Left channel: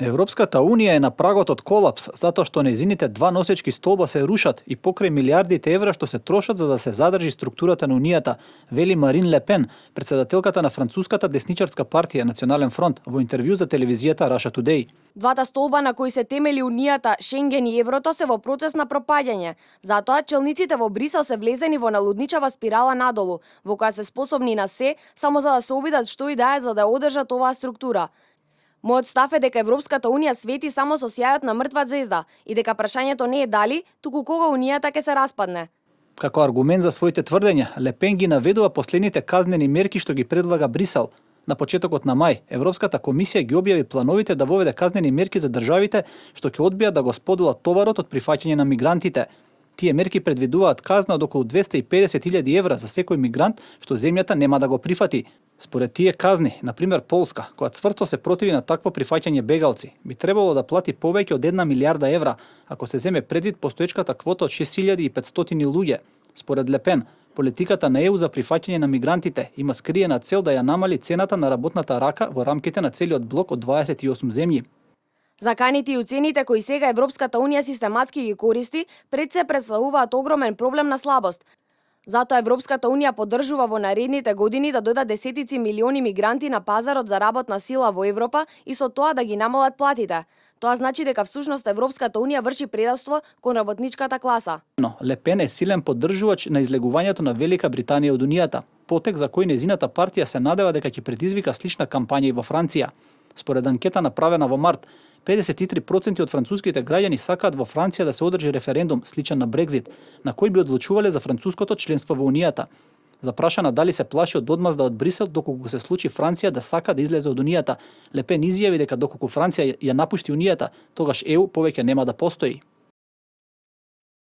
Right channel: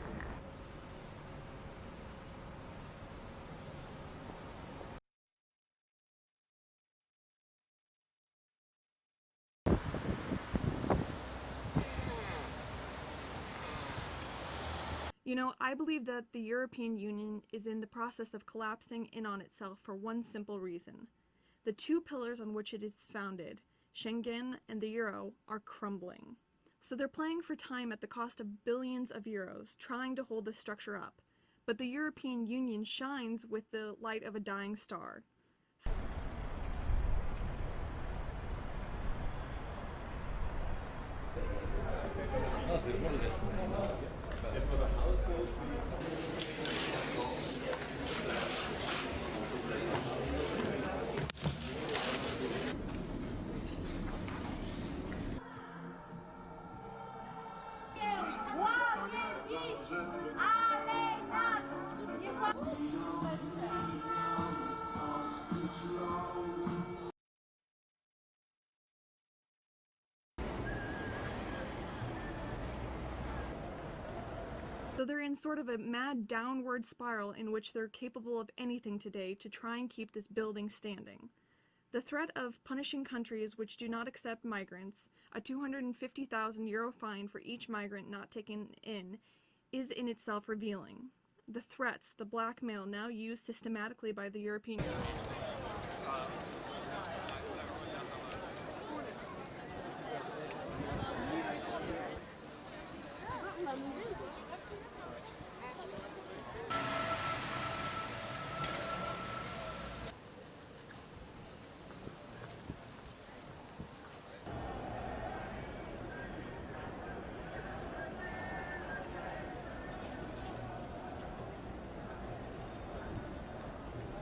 Европската Унија е на прагот од колапс, затоа што нејзините два носечки столба се рушат и покрај милијардите евра што се трошат за да се задржи структурата на Унијата, вели Марин Ле Пен, председателката на француската десничарска партија Национален фронт, во интервју за телевизијата Russia Today. Двата столба на кои се темели Унијата, Шенген и еврото се во процес на пропаѓање. Затоа челниците во Брисел се влезени во налудничава спирала надолу, во која се способни на се, само за да се обидат што и да е за да одржат оваа структура. Мојот став е дека Европската Унија свети само со сјајот на мртва ѕвезда и дека прашањето не е дали, туку кога Унијата ќе се распадне. Како аргумент за своите тврдења, Ле Пен ги наведува последните казнени мерки што ги предлага Брисел. На почетокот на мај, Европската комисија ги објави плановите да воведе казнени мерки за државите што ќе одбијат да го споделат товарот од прифаќање на мигрантите. Тие мерки предвидуваат казна од околу 250.000 евра за секој мигрант што земјата нема да го прифати. Според тие казни, например Полска, која цврсто се противи на такво прифаќање бегалци, би требало да плати повеќе од 1 милијарда евра, ако се земе предвид постоечката квота од 6500 луѓе. Според Ле Пен, политиката на ЕУ за прифаќање на мигрантите има скриена цел да ја намали цената на работната рака во рамките на целиот блок од 28 земји. Заканите и уцените кои сега Европската Унија систематски ги користи, пред се представуваат огромен проблем на слабост. Затоа Европската Унија поддржува во наредните години да дода десетици милиони мигранти на пазарот за работна сила во Европа и со тоа да ги намалат платите. Тоа значи дека всушност Европската Унија врши предавство кон работничката класа. Но Ле Пен е силен поддржувач на излегувањето на Велика Британија од Унијата, потек за кој нејзината партија се надева дека ќе предизвика слична кампања и во Франција. Според анкета направена во март, 53% од француските граѓани сакаат во Франција да се одржи референдум сличен на Брекзит, на кој би одлучувале за француското членство во Унијата. Запрашана дали се плаши од одмазда од Брисел доколку се случи Франција да сака да излезе од Унијата, Ле Пен изјави дека доколку Франција ја напушти Унијата, тогаш ЕУ повеќе нема да постои.